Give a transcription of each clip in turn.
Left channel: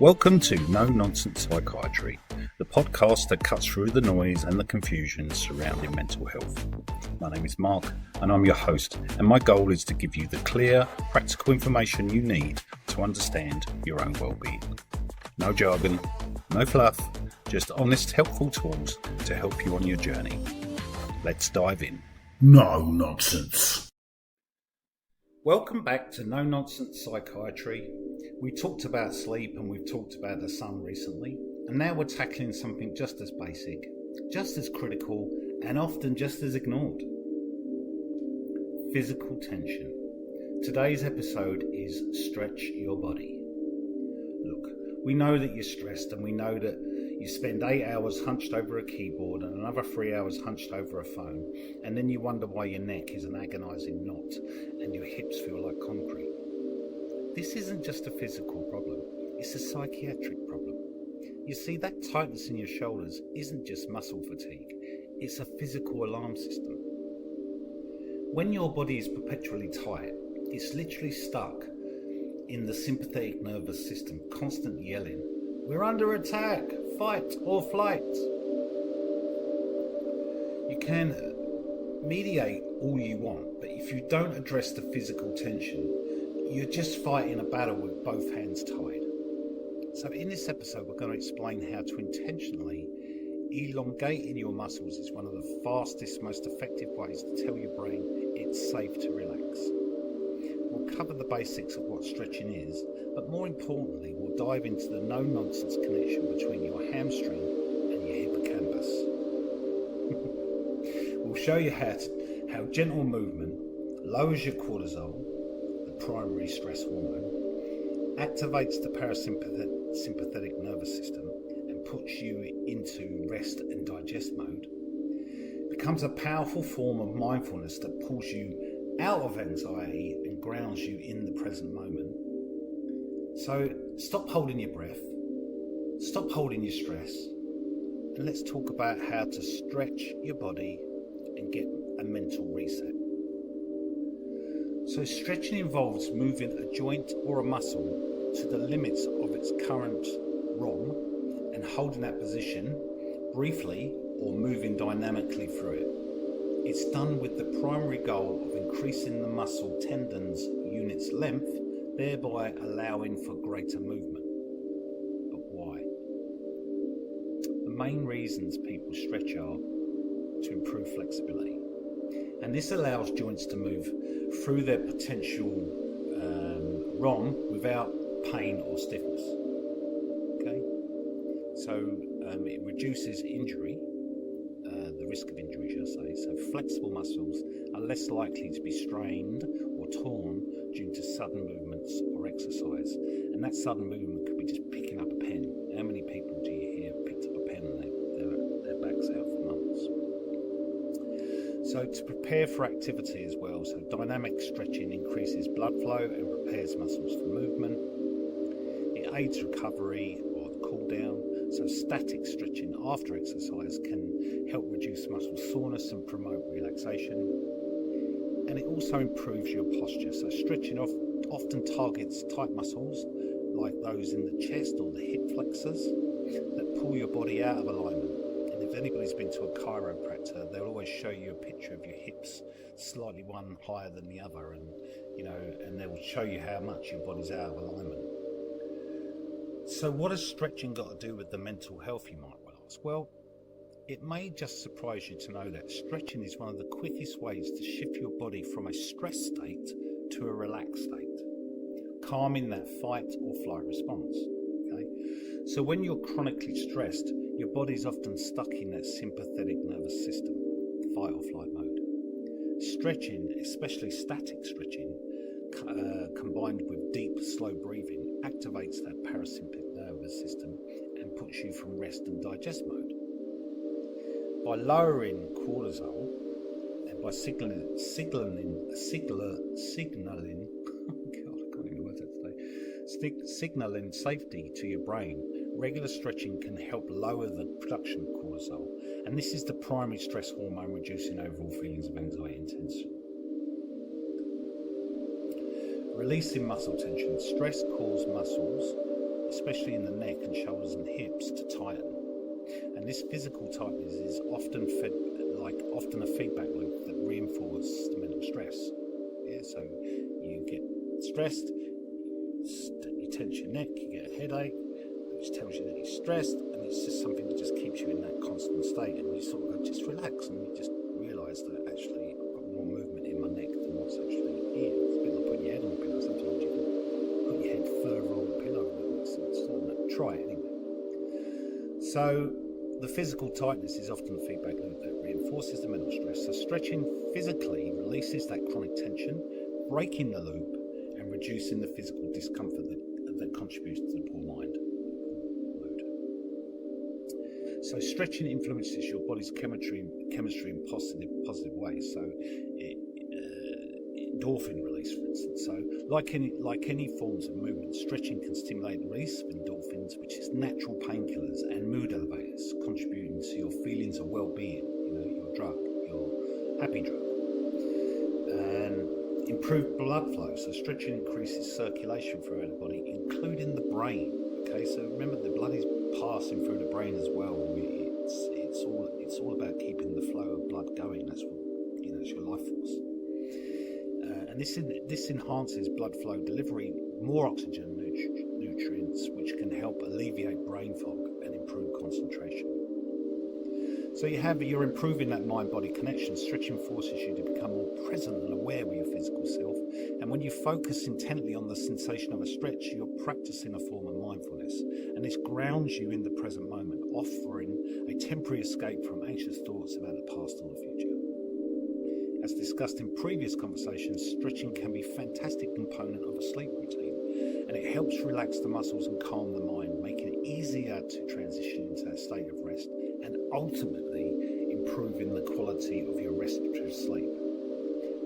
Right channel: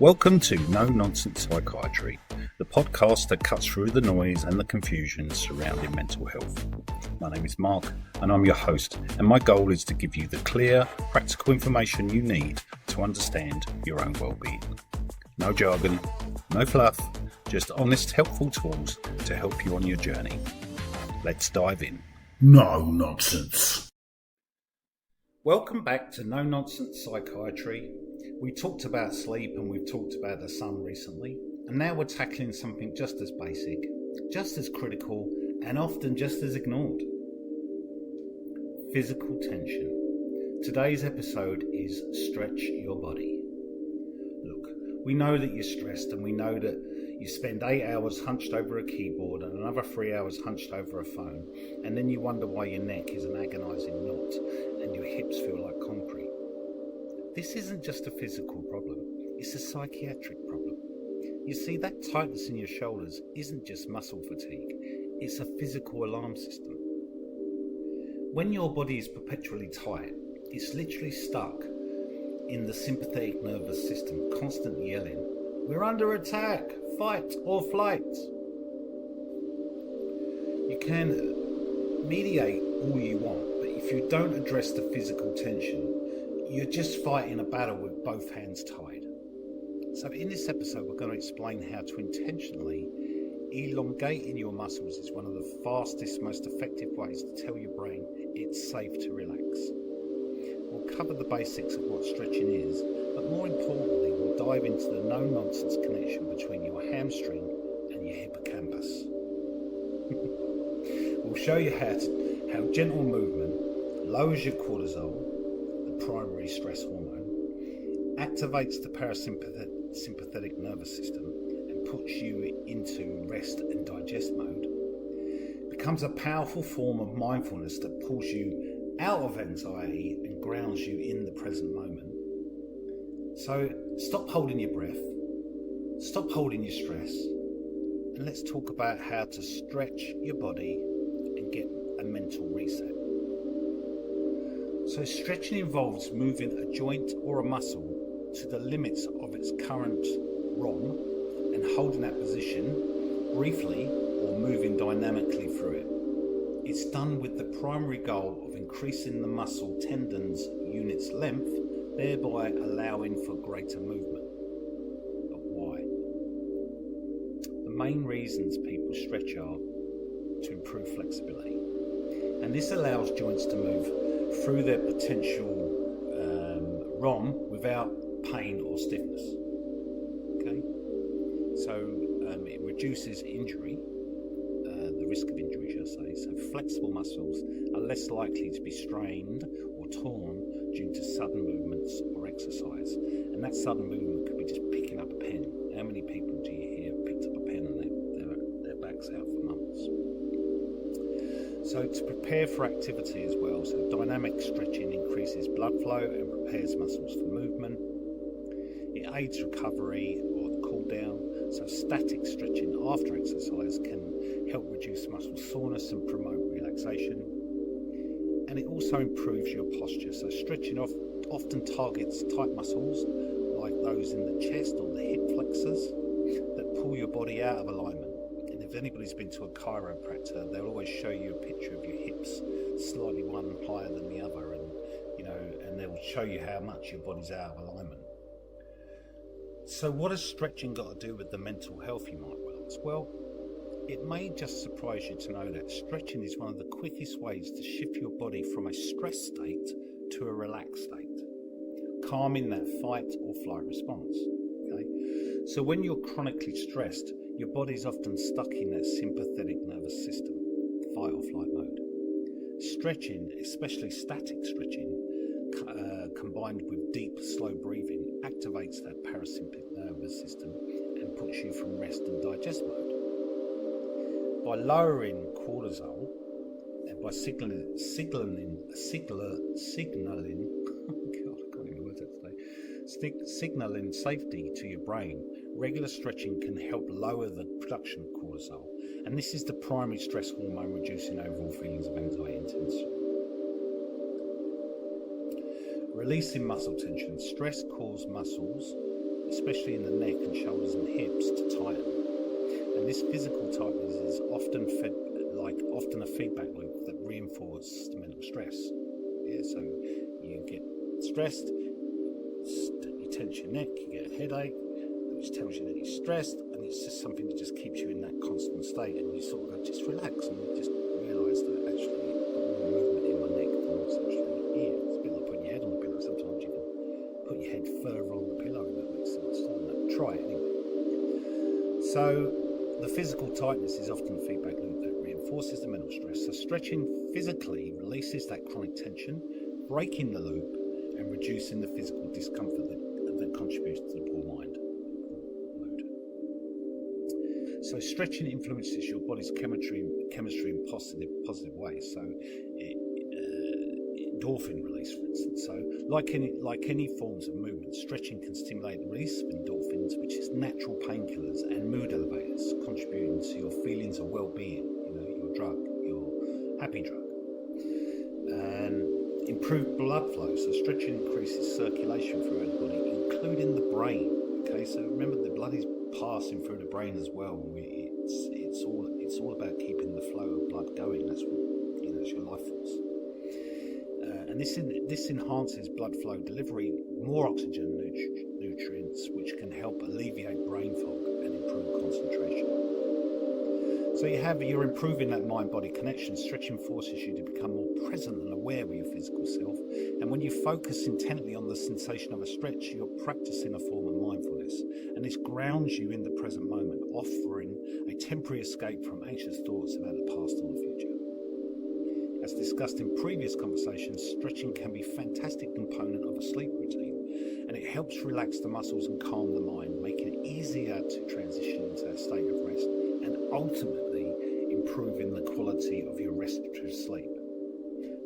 Welcome to No Nonsense Psychiatry, the podcast that cuts through the noise and the confusion surrounding mental health. My name is Mark and I'm your host, and my goal is to give you the clear, practical information you need to understand your own well-being. No jargon, no fluff, just honest, helpful tools to help you on your journey. Let's dive in. No nonsense. Welcome back to No Nonsense Psychiatry. We talked about sleep and we've talked about the sun recently, and now we're tackling something just as basic, just as critical, and often just as ignored. Physical tension. Today's episode is Stretch Your Body. Look, we know that you're stressed, and we know that you spend 8 hours hunched over a keyboard and another 3 hours hunched over a phone, and then you wonder why your neck is an agonising knot and your hips feel like concrete. This isn't just a physical problem, it's a psychiatric problem. You see, that tightness in your shoulders isn't just muscle fatigue, it's a physical alarm system. When your body is perpetually tight, it's literally stuck in the sympathetic nervous system, constantly yelling, "We're under attack, fight or flight." You can mediate all you want, but if you don't address the physical tension, you're just fighting a battle with both hands tied. So in this episode, we're going to explain how to intentionally elongating your muscles is one of the fastest, most effective ways to tell your brain it's safe to relax. We'll cover the basics of what stretching is, but more importantly, we'll dive into the no-nonsense connection between your hamstring and your hippocampus. We'll show you how gentle movement lowers your cortisol, the primary stress hormone, activates the parasympathetic nervous system and puts you into rest and digest mode, becomes a powerful form of mindfulness that pulls you out of anxiety and grounds you in the present moment. So stop holding your breath, stop holding your stress, and let's talk about how to stretch your body and get a mental reset. So stretching involves moving a joint or a muscle to the limits of its current ROM and holding that position briefly or moving dynamically through it. It's done with the primary goal of increasing the muscle tendon's unit's length, thereby allowing for greater movement. But why? The main reasons people stretch are to improve flexibility. And this allows joints to move through their potential ROM without pain or stiffness. Okay, so it reduces injury, the risk of injury, shall I say. So flexible muscles are less likely to be strained or torn due to sudden movements or exercise. And that sudden movement could be just picking up a pen. How many people do you hear picked up a pen and their back's out for months? So to prepare for activity as well, so dynamic stretching increases blood flow and prepares muscles for movement. It aids recovery or the cool down. So static stretching after exercise can help reduce muscle soreness and promote relaxation. And it also improves your posture. So stretching often targets tight muscles like those in the chest or the hip flexors that pull your body out of alignment. And if anybody's been to a chiropractor, they'll always show you a picture of your hips, slightly one higher than the other, and they'll show you how much your body's out of alignment. So what has stretching got to do with the mental health, you might well ask? Well, it may just surprise you to know that stretching is one of the quickest ways to shift your body from a stress state to a relaxed state, calming that fight or flight response. Okay, so when you're chronically stressed, your body's often stuck in that sympathetic nervous system, fight or flight mode. Stretching, especially static stretching, combined with deep, slow breathing, activates that parasympathetic nervous system and puts you from rest and digest mode. By lowering cortisol and by signaling signaling safety to your brain, regular stretching can help lower the production of cortisol, and this is the primary stress hormone reducing overall feelings of anxiety and tension. Releasing muscle tension. Stress causes muscles especially in the neck and shoulders and hips, to tighten. And this physical tightness is often a feedback loop that reinforces the mental stress. Yeah, so you get stressed, you tense your neck, you get a headache, which tells you that you're stressed, and it's just something that just keeps you in that constant state. And you sort of go, just relax, and you just realise that actually I've got more movement in my neck than what's actually here. It's a bit like putting your head on the pillow. Sometimes you can put your head further on the pillow, if that makes sense. I don't know. Try it anyway. So the physical tightness is often a feedback loop that reinforces the mental stress. So stretching physically releases that chronic tension, breaking the loop and reducing the physical discomfort that contributes to the poor mind. So stretching influences your body's chemistry in positive ways. So endorphin release, for instance. So like any forms of movement, stretching can stimulate the release of endorphins, which is natural painkillers and mood elevators, contributing to your feelings of well-being. Your drug, your happy drug, and improved blood flow. So stretching increases circulation throughout the body, including the brain. Okay, so remember the blood is passing through the brain as well. It's all about keeping the flow of blood going. That's what it's your life force. And this enhances blood flow delivery, more oxygen nutrients, which can help alleviate brain fog and improve concentration. So you're improving that mind-body connection. Stretching forces you to become more present and aware of your physical self. And when you focus intently on the sensation of a stretch, you're practicing a form of mindfulness. And this grounds you in the present moment, offering a temporary escape from anxious thoughts about the past or the future. As discussed in previous conversations, stretching can be a fantastic component of a sleep routine, and it helps relax the muscles and calm the mind, making it easier to transition into a state of rest and ultimately improving the quality of your restorative sleep.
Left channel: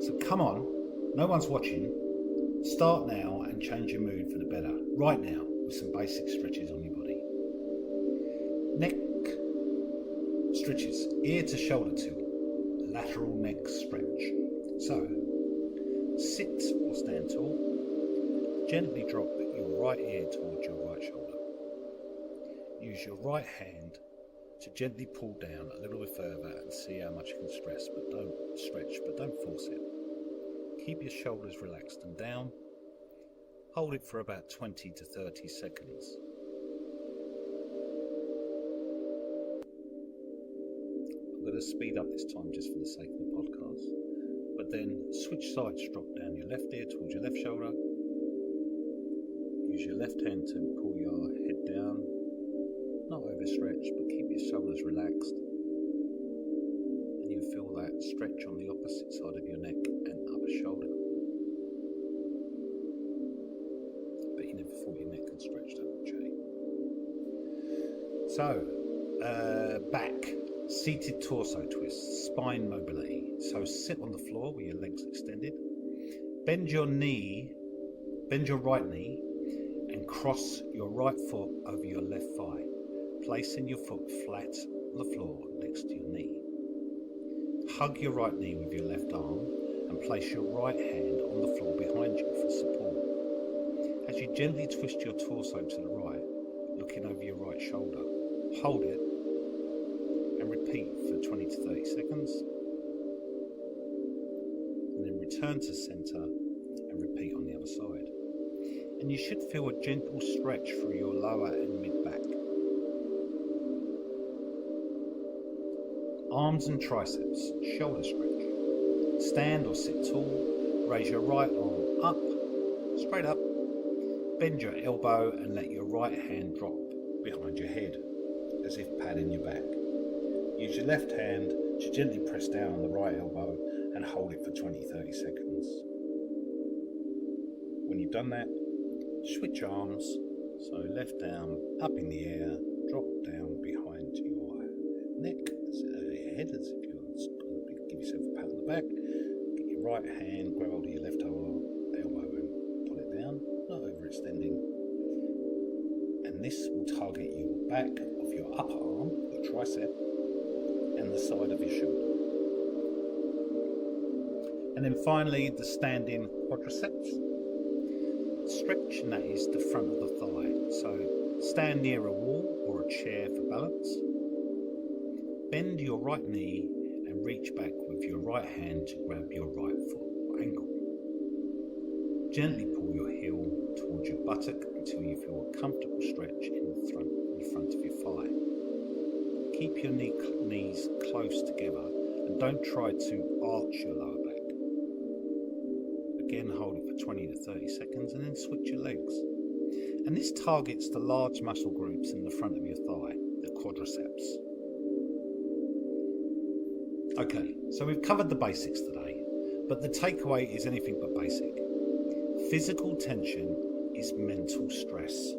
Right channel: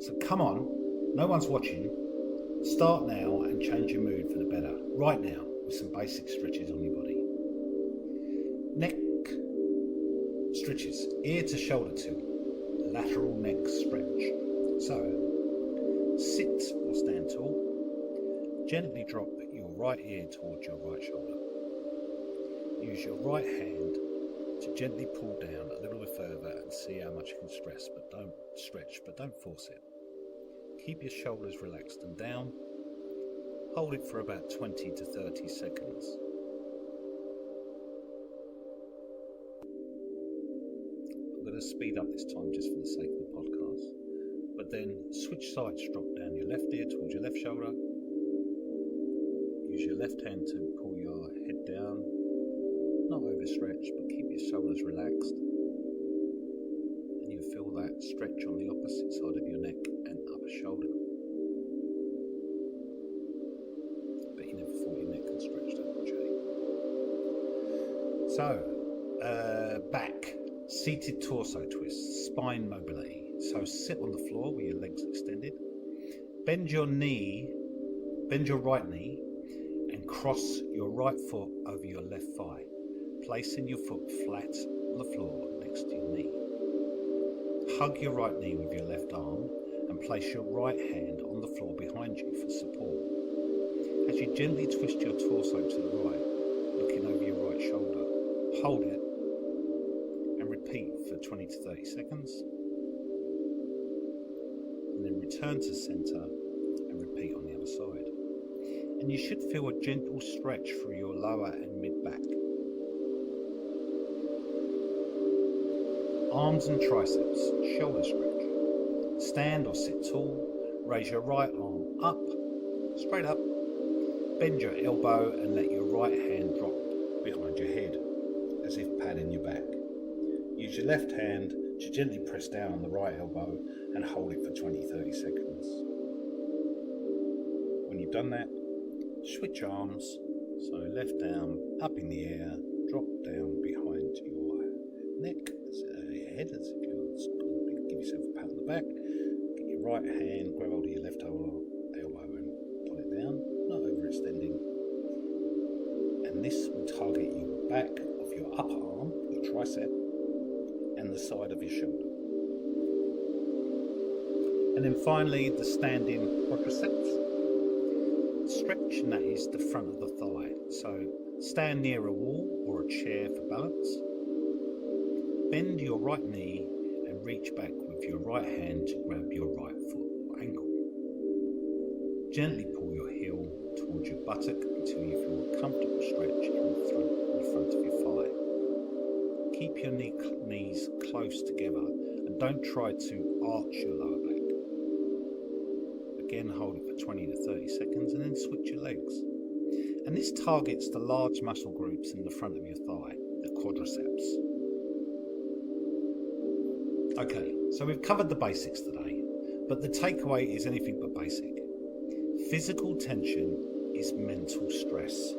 So come on, no one's watching. Start now and change your mood for the better, right now, with some basic stretches on your body. Neck stretches, ear to shoulder tilt. Lateral neck stretch. So, sit or stand tall. Gently drop your right ear towards your right shoulder. Use your right hand to gently pull down a little bit further and see how much you can stretch, but don't force it. Keep your shoulders relaxed and down. Hold it for about 20 to 30 seconds. I'm going to speed up this time just for the sake of the podcast. But then switch sides, drop down your left ear towards your left shoulder. Use your left hand to pull your head down. Not overstretched, but keep your shoulders relaxed. And you feel that stretch on the opposite side of your neck and upper shoulder. But you never thought your neck could stretch that much, eh? So, back. Seated torso twist, spine mobility. So sit on the floor with your legs extended. Bend your right knee and cross your right foot over your left thigh, placing your foot flat on the floor next to your knee. Hug your right knee with your left arm and place your right hand on the floor behind you for support. As you gently twist your torso to the right, looking over your right shoulder, hold it and repeat for 20 to 30 seconds, and then return to center and repeat on the other side. And you should feel a gentle stretch through your lower and mid back. Arms and triceps, shoulder stretch. Stand or sit tall, raise your right arm up, straight up, bend your elbow and let your right hand drop behind your head, as if patting your back. Use your left hand to gently press down on the right elbow and hold it for 20-30 seconds. When you've done that, switch arms, so left arm up in the air, drop down behind your neck, your head, as if you're give yourself a pat on the back. Get your right hand, grab hold of your left elbow and pull it down, not overextending. And this will target your back of your upper arm, your tricep, and the side of your shoulder. And then finally, the standing quadriceps. Stretch, and that is the front of the thigh. So stand near a wall or a chair for balance. Bend your right knee and reach back with your right hand to grab your right foot or ankle. Gently pull your heel towards your buttock until you feel a comfortable stretch in the front of your thigh. Keep your knees close together and don't try to arch your lower back. Again, hold it for 20 to 30 seconds and then switch your legs. And this targets the large muscle groups in the front of your thigh, the quadriceps. Okay, so we've covered the basics today, but the takeaway is anything but basic. Physical tension is mental stress.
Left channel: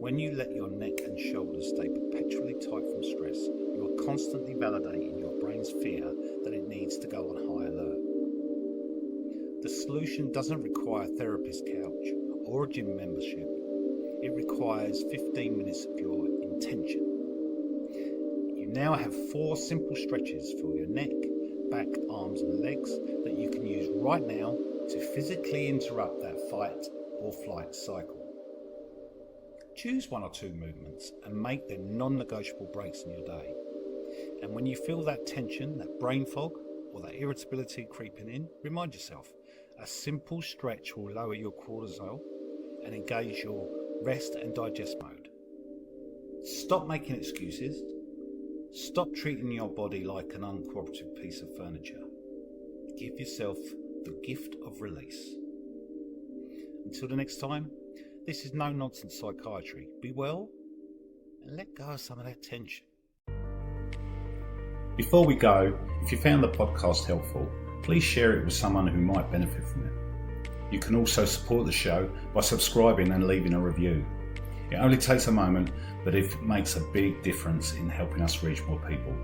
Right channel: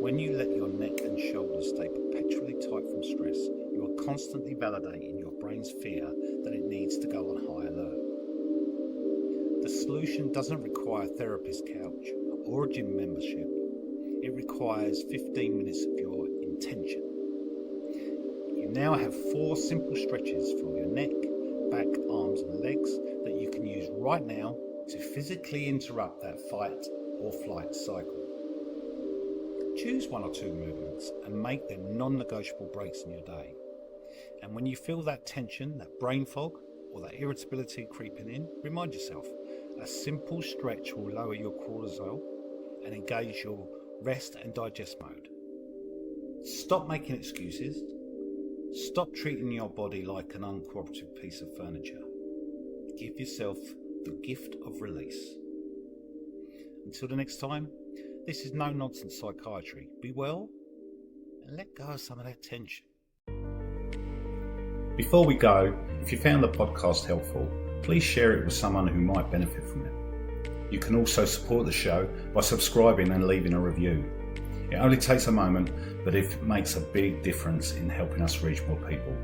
When you let your neck and shoulders stay perpetually tight from stress, you are constantly validating your brain's fear that it needs to go on high alert. The solution doesn't require a therapist couch or a gym membership. It requires 15 minutes of your intention. You now have 4 simple stretches for your neck, back, arms and legs that you can use right now to physically interrupt that fight or flight cycle. Choose 1 or 2 movements and make them non-negotiable breaks in your day. And when you feel that tension, that brain fog, or that irritability creeping in, remind yourself, a simple stretch will lower your cortisol and engage your rest and digest mode. Stop making excuses. Stop treating your body like an uncooperative piece of furniture. Give yourself the gift of release. Until the next time, this is No Nonsense Psychiatry. Be well and let go of some of that tension. Before we go, if you found the podcast helpful, please share it with someone who might benefit from it. You can also support the show by subscribing and leaving a review. It only takes a moment, but it makes a big difference in helping us reach more people.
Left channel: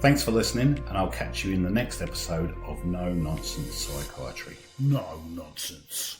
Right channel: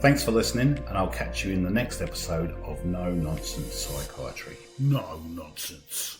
Thanks for listening, and I'll catch you in the next episode of No Nonsense Psychiatry. No nonsense.